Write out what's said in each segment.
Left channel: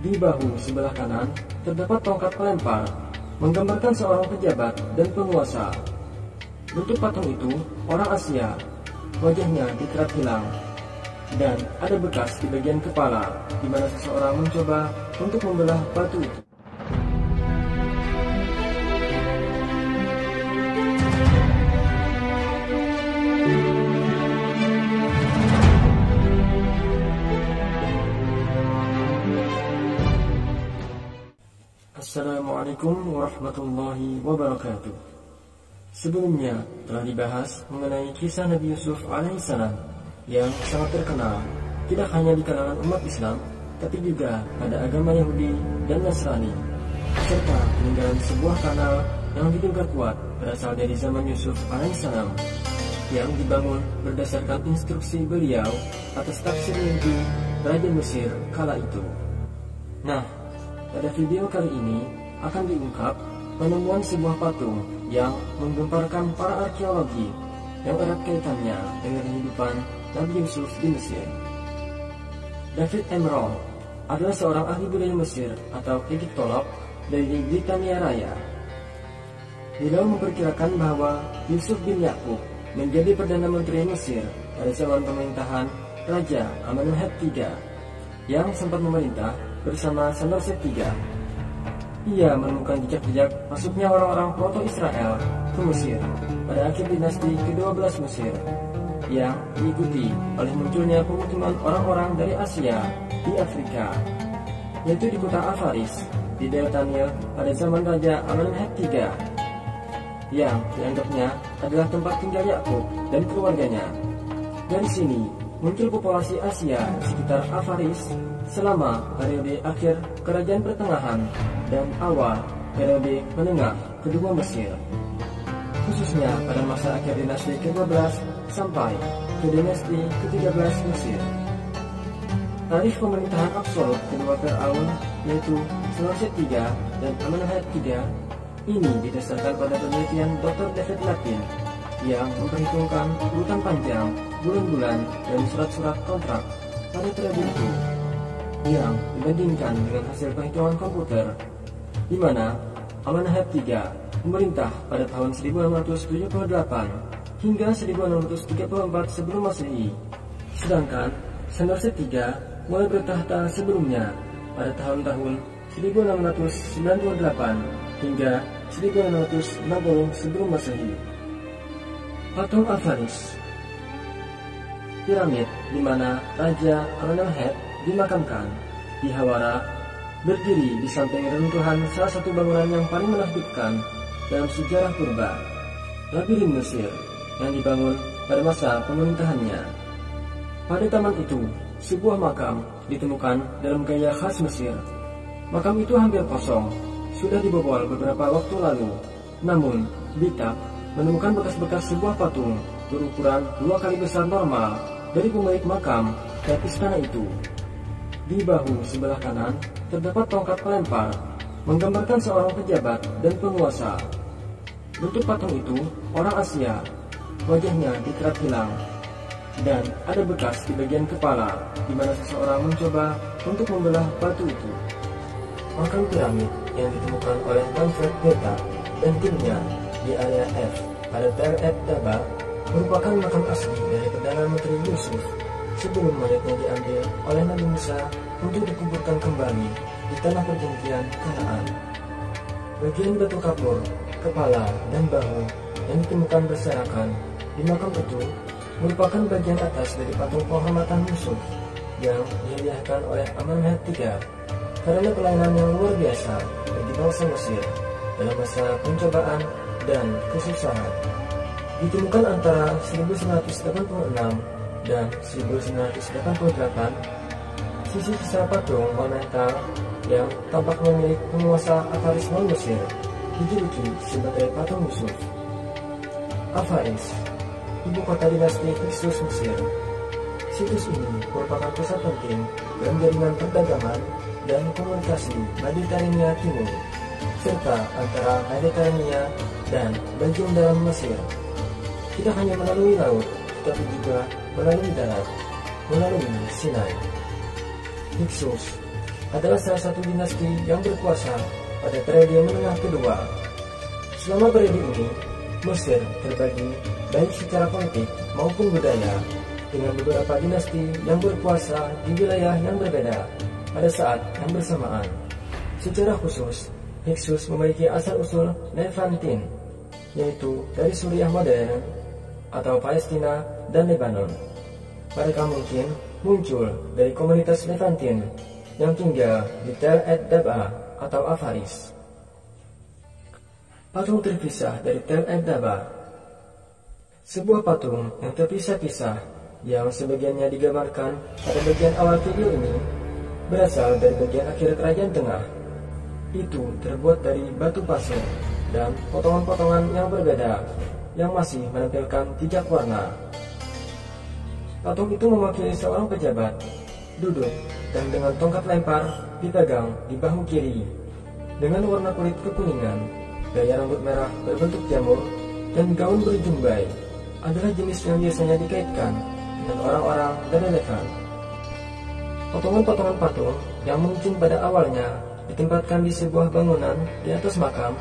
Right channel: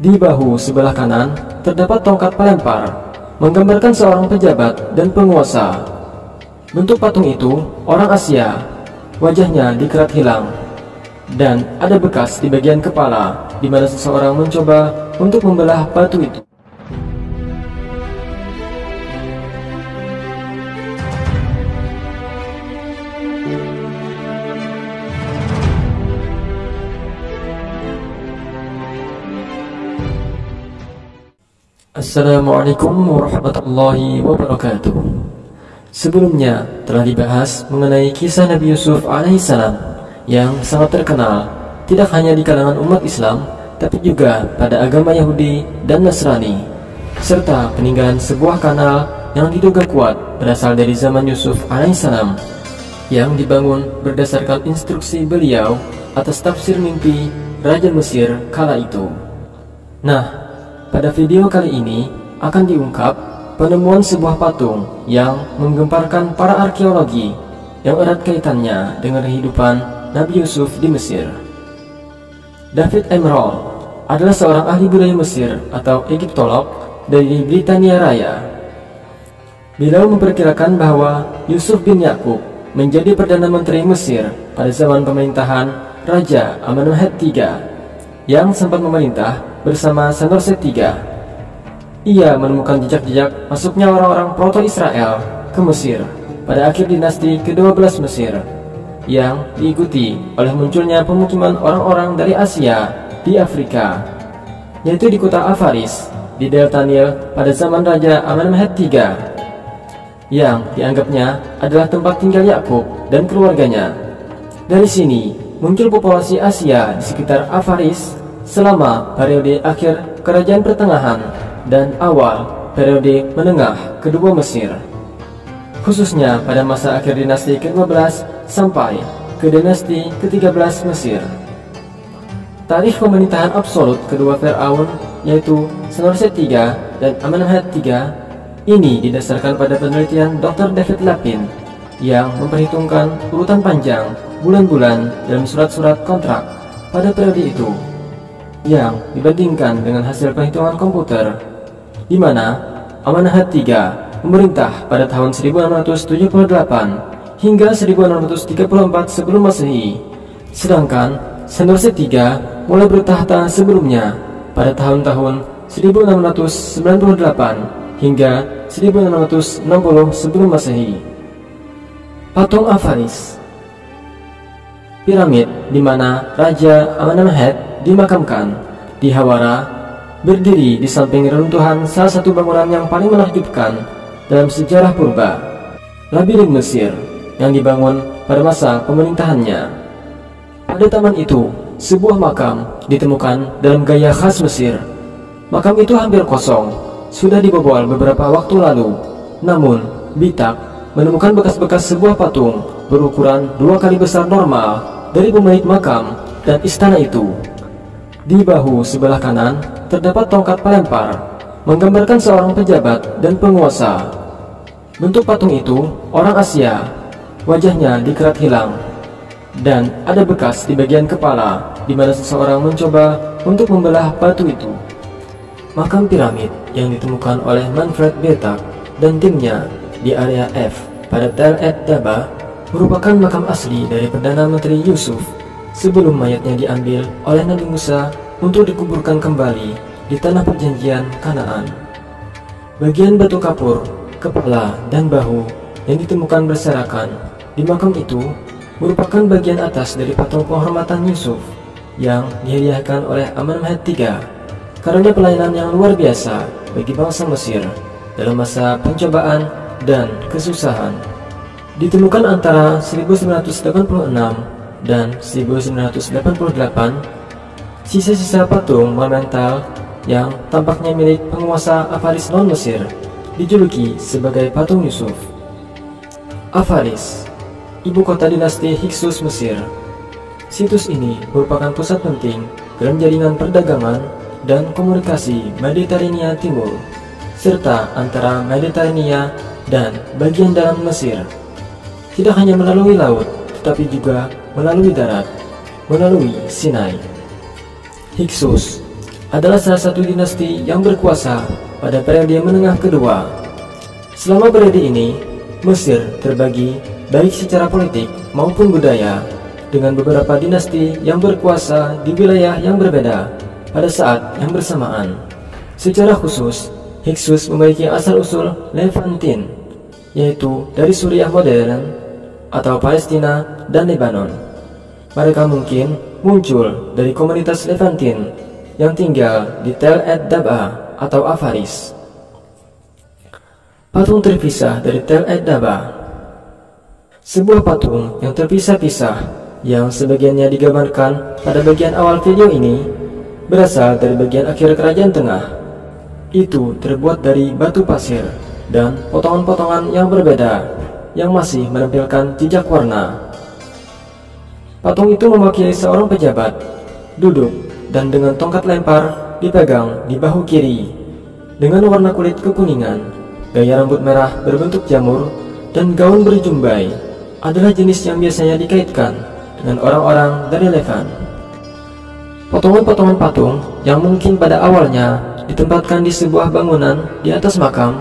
Di bahu sebelah kanan terdapat tongkat pelempar, menggambarkan seorang pejabat dan penguasa. Bentuk patung itu orang Asia, wajahnya dikerat hilang, dan ada bekas di bagian kepala di mana seseorang mencoba untuk membelah batu itu. Assalamualaikum warahmatullahi wabarakatuh. Sebelumnya telah dibahas mengenai kisah Nabi Yusuf alaihissalam yang sangat terkenal tidak hanya di kalangan umat Islam, tapi juga pada agama Yahudi dan Nasrani, serta peninggalan sebuah kanal yang diduga kuat berasal dari zaman Yusuf alaihissalam yang dibangun berdasarkan instruksi beliau atas tafsir mimpi Raja Mesir kala itu. Nah, pada video kali ini akan diungkap penemuan sebuah patung yang menggemparkan para arkeologi yang erat kaitannya dengan kehidupan Nabi Yusuf di Mesir. David Emerald adalah seorang ahli budaya Mesir atau Egyptolog dari Britania Raya. Beliau memperkirakan bahwa Yusuf bin Yakub menjadi Perdana Menteri Mesir pada zaman pemerintahan Raja Amenemhet III yang sempat memerintah bersama Sanusi III. Ia menemukan jejak-jejak masuknya orang-orang proto-Israel ke Mesir pada akhir dinasti ke-12 Mesir, yang diikuti oleh munculnya pemukiman orang-orang dari Asia di Afrika, yaitu di kota Avaris di Delta Nil pada zaman Raja Amenemhet III, yang dianggapnya adalah tempat tinggal Yakub dan keluarganya. Dari sini muncul populasi Asia di sekitar Avaris selama periode akhir Kerajaan Pertengahan dan awal periode menengah kedua Mesir, khususnya pada masa akhir dinasti ke-12 sampai ke dinasti ke-13 Mesir. Tarikh pemerintahan absolut kedua Firaun, yaitu Sanusi III dan Amenemhet III, ini didasarkan pada penelitian Dr. David Lapin yang memperhitungkan urutan panjang bulan-bulan dalam surat-surat kontrak pada periode itu, yang dibandingkan dengan hasil perhitungan komputer, di mana Amenemhet III memerintah pada tahun 1678 hingga 1634 sebelum Masehi, sedangkan Sanusi III mulai bertahta sebelumnya pada tahun-tahun 1698 hingga 1660 sebelum Masehi. Patung Avaris, piramid di mana Raja Amenemhet dimakamkan di Hawara, berdiri di samping reruntuhan salah satu bangunan yang paling menakjubkan dalam sejarah purba, labirin Mesir, yang dibangun pada masa pemerintahannya. Pada taman itu, sebuah makam ditemukan dalam gaya khas Mesir. Makam itu hampir kosong, sudah dibobol beberapa waktu lalu, namun Bitak menemukan bekas-bekas sebuah patung berukuran 2 kali besar normal dari pemilik makam dan istana itu. Di bahu sebelah kanan terdapat tongkat pelempar, menggambarkan seorang pejabat dan penguasa. Bentuk patung itu orang Asia, wajahnya dikerat hilang, dan ada bekas di bagian kepala di mana seseorang mencoba untuk membelah batu itu. Makam piramid yang ditemukan oleh Manfred Bitak dan timnya di area F pada Tel Et Daba merupakan makam asli dari Perdana Menteri Yusuf sebelum mayatnya diambil oleh Nabi Musa untuk dikuburkan kembali di tanah perjanjian Kanaan. Bagian batu kapur, kepala, dan bahu yang ditemukan berserakan di makam itu merupakan bagian atas dari patung penghormatan Yusuf yang dihadiahkan oleh Amenemhet III karena pelayanan yang luar biasa bagi bangsa Mesir dalam masa pencobaan dan kesusahan. Ditemukan antara 1986 dan 1988 sisa-sisa patung monumental yang tampaknya milik penguasa Avaris non-Mesir, dijuluki sebagai patung Yusuf. Avaris, ibu kota dinasti Hyksos Mesir. Situs ini merupakan pusat penting dalam jaringan perdagangan dan komunikasi Mediterania Timur, serta antara Mediterania dan bagian dalam Mesir. Tidak hanya melalui laut, tetapi juga melalui darat, melalui Sinai. Hyksos adalah salah satu dinasti yang berkuasa pada periode menengah kedua. Selama periode ini, Mesir terbagi baik secara politik maupun budaya dengan beberapa dinasti yang berkuasa di wilayah yang berbeda pada saat yang bersamaan. Secara khusus, Hyksos memiliki asal-usul Levantin, yaitu dari Suriah modern atau Palestina dan Lebanon. Mereka mungkin muncul dari komunitas Levantin yang tinggal di Tel Ed-Dab'a atau Avaris. Patung terpisah dari Tel Ed-Dab'a. Sebuah patung yang terpisah-pisah yang sebagiannya digambarkan pada bagian awal video ini berasal dari bagian akhir kerajaan tengah. Itu terbuat dari batu pasir dan potongan-potongan yang berbeda yang masih menampilkan jejak warna. Patung itu mewakili seorang pejabat duduk dan dengan tongkat lempar dipegang di bahu kiri. Dengan warna kulit kekuningan, gaya rambut merah berbentuk jamur, dan gaun berjumbai adalah jenis yang biasanya dikaitkan dengan orang-orang dari Levan. Potongan-potongan patung yang mungkin pada awalnya ditempatkan di sebuah bangunan di atas makam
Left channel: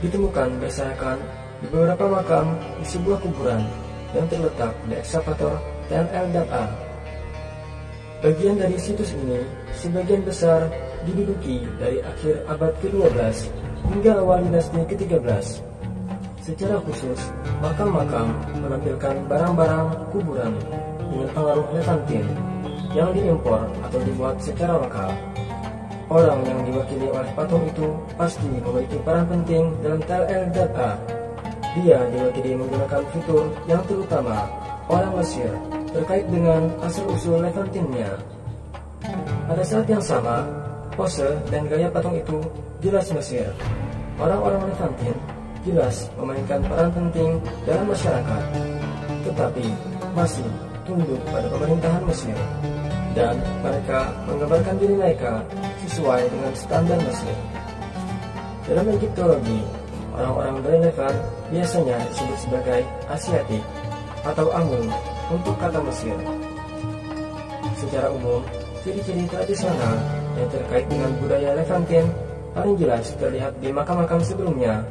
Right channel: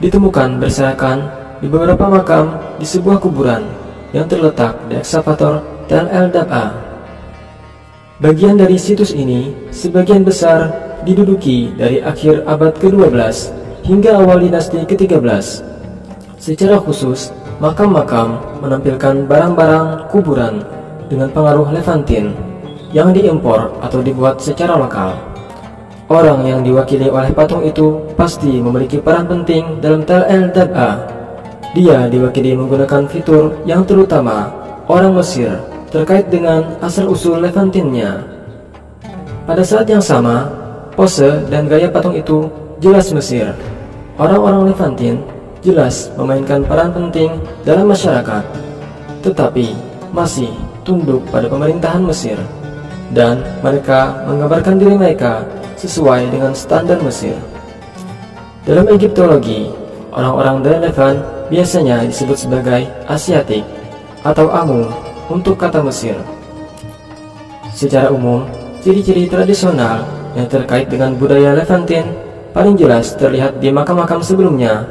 ditemukan berserakan di beberapa makam di sebuah kuburan yang terletak di ekskavator Tel El-Dab'a. Bagian dari situs ini sebagian besar diduduki dari akhir abad ke-12 hingga awal dinasti ke-13. Secara khusus, makam-makam menampilkan barang-barang kuburan dengan pengaruh Levantin yang diimpor atau dibuat secara lokal. Orang yang diwakili oleh patung itu pasti memiliki peran penting dalam Tel El-Dab'a. Dia diwakili menggunakan fitur yang terutama orang Mesir terkait dengan asal-usul Levantinnya. Pada saat yang sama, pose dan gaya patung itu jelas Mesir. Orang-orang Levantin jelas memainkan peran penting dalam masyarakat, tetapi masih tunduk pada pemerintahan Mesir, dan mereka menggambarkan diri mereka sesuai dengan standar Mesir. Dalam Egiptologi, orang-orang dari Levan biasanya disebut sebagai Asiatik atau Amu untuk kata Mesir. Secara umum, ciri-ciri tradisional yang terkait dengan budaya Levantin paling jelas terlihat di makam-makam sebelumnya.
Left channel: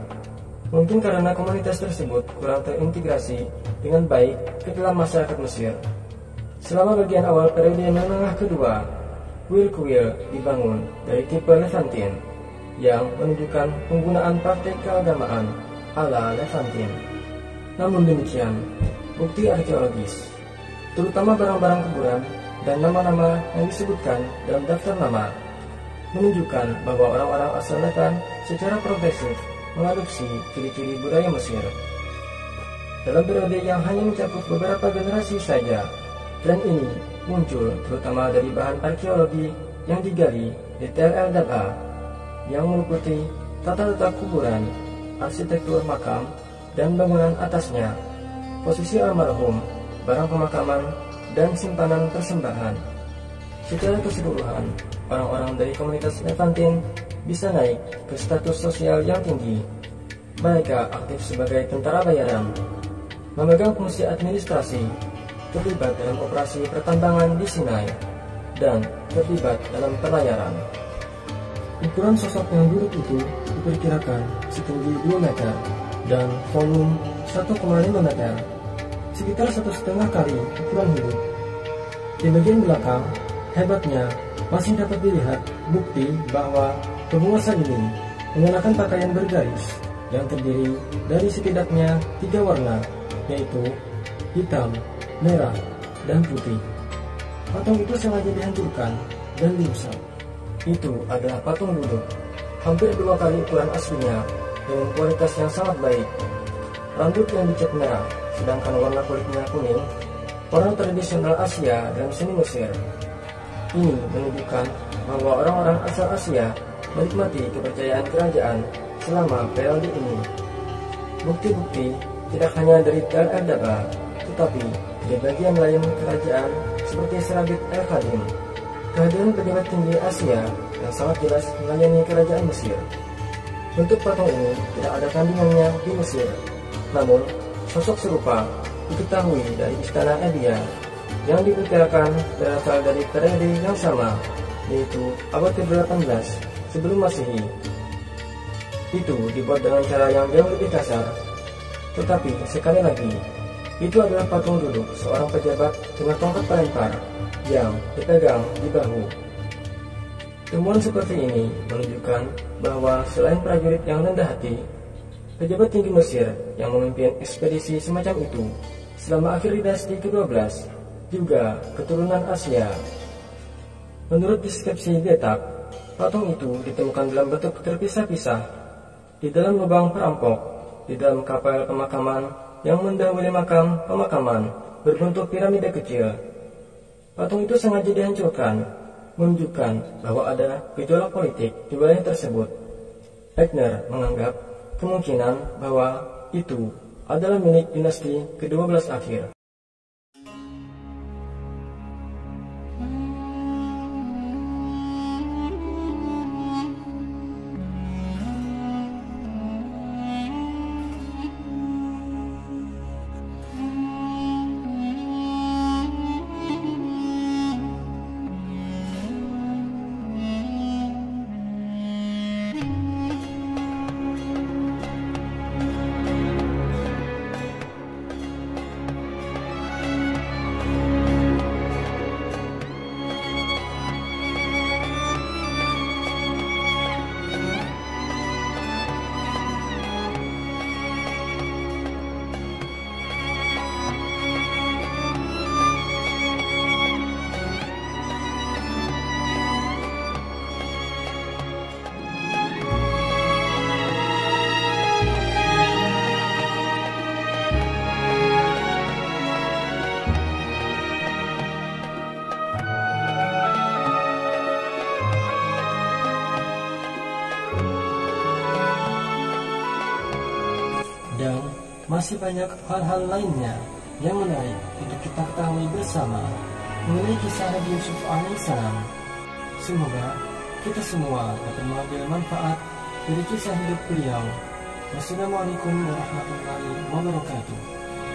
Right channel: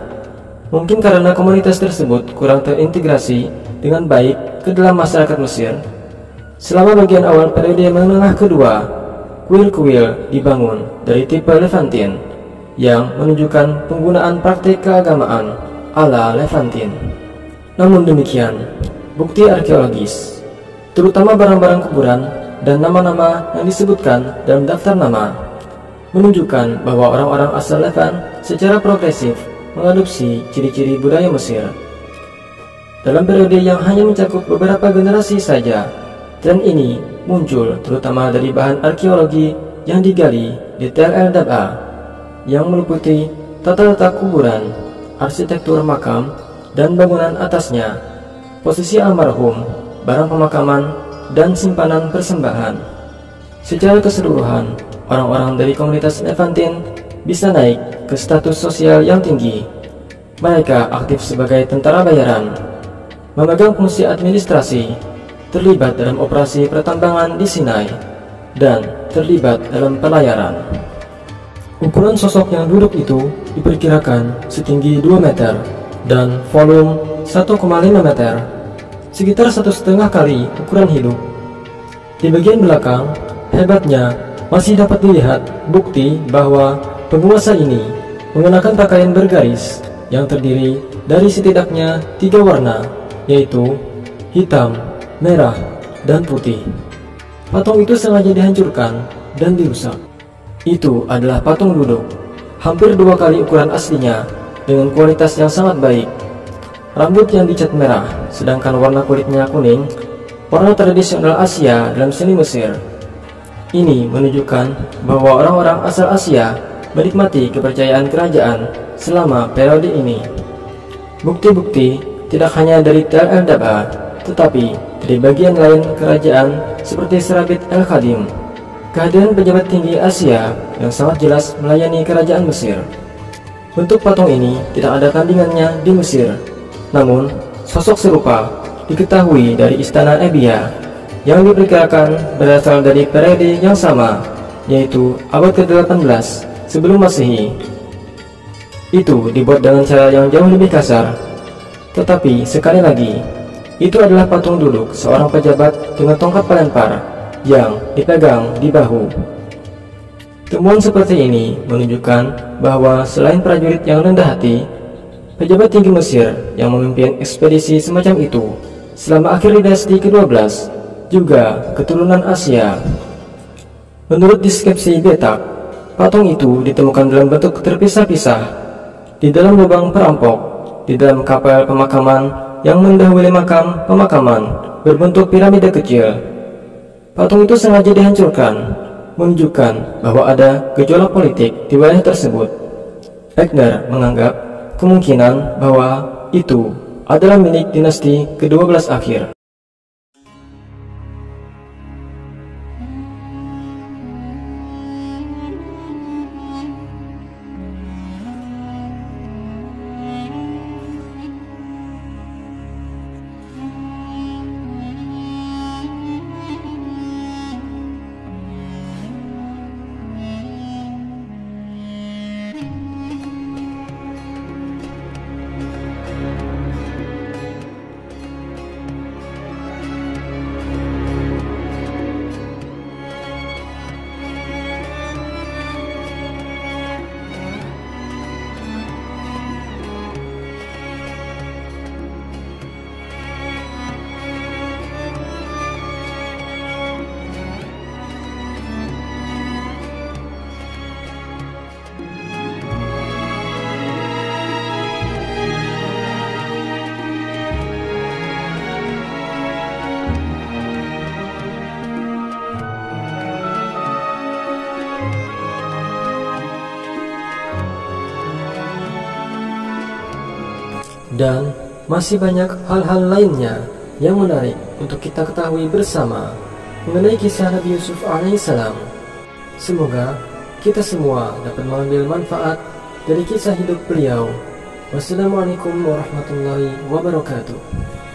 Mungkin karena komunitas tersebut kurang terintegrasi dengan baik ke dalam masyarakat Mesir. Selama bagian awal periode menengah kedua, kuil-kuil dibangun dari tipe Levantin yang menunjukkan penggunaan praktik keagamaan ala Levantin. Namun demikian, bukti arkeologis, terutama barang-barang kuburan dan nama-nama yang disebutkan dalam daftar nama, menunjukkan bahwa orang-orang asal Levan secara progresif mengadopsi ciri-ciri budaya Mesir. Dalam periode yang hanya mencakup beberapa generasi saja, tren ini muncul terutama dari bahan arkeologi yang digali di Tel El-Dab'a, yang meliputi tata letak kuburan, arsitektur makam, dan bangunan atasnya, posisi almarhum, barang pemakaman, dan simpanan persembahan. Secara keseluruhan, orang-orang dari komunitas Levantin bisa naik ke status sosial yang tinggi. Mereka aktif sebagai tentara bayaran, memegang fungsi administrasi, terlibat dalam operasi pertambangan di Sinai, dan terlibat dalam pelayaran. Ukuran sosok yang duduk itu diperkirakan setinggi 2 meter dan volume 1,5 meter, sekitar 1,5 kali ukuran hidup. Di bagian belakang, hebatnya masih dapat dilihat bukti bahwa penguasa ini mengenakan pakaian bergaris yang terdiri dari setidaknya 3 warna, yaitu hitam, merah, dan putih. Patung itu sengaja dihancurkan dan dirusak. Itu adalah patung duduk, hampir 2 kali ukuran aslinya dengan kualitas yang sangat baik. Rambut yang dicat merah, sedangkan warna kulitnya kuning, warna tradisional Asia dalam seni Mesir. Ini menunjukkan bahwa orang-orang asal Asia menikmati kepercayaan kerajaan selama periode ini. Bukti-bukti tidak hanya dari Tel El-Dab'a, tetapi dari bagian lain kerajaan seperti Serabit El-Khadim. Kehadiran pejabat tinggi Asia yang sangat jelas melayani kerajaan Mesir. Bentuk patung ini tidak ada tandingannya di Mesir. Namun, sosok serupa diketahui dari Istana Ebia yang diperkirakan berasal dari periode yang sama, yaitu abad ke-18 sebelum Masehi. Itu dibuat dengan cara yang jauh lebih kasar. Tetapi sekali lagi, itu adalah patung duduk seorang pejabat dengan tongkat pelempar yang dipegang di bahu. Temuan seperti ini menunjukkan bahwa selain prajurit yang rendah hati, pejabat tinggi Mesir yang memimpin ekspedisi semacam itu selama akhir dinasti ke-12 juga keturunan Asia. Menurut deskripsi Betak, patung itu ditemukan dalam bentuk terpisah-pisah, di dalam lubang perampok, di dalam kapel pemakaman yang mendahului makam pemakaman berbentuk piramida kecil. Patung itu sengaja dihancurkan, menunjukkan bahwa ada gejolak politik di wilayah tersebut. Wegner menganggap kemungkinan bahwa itu adalah milik dinasti ke-12 akhir. Dan masih banyak hal-hal lainnya yang menarik untuk kita ketahui bersama mengenai kisah Nabi Yusuf alaihissalam. Semoga kita semua dapat mengambil manfaat dari kisah hidup beliau. Wassalamualaikum warahmatullahi wabarakatuh.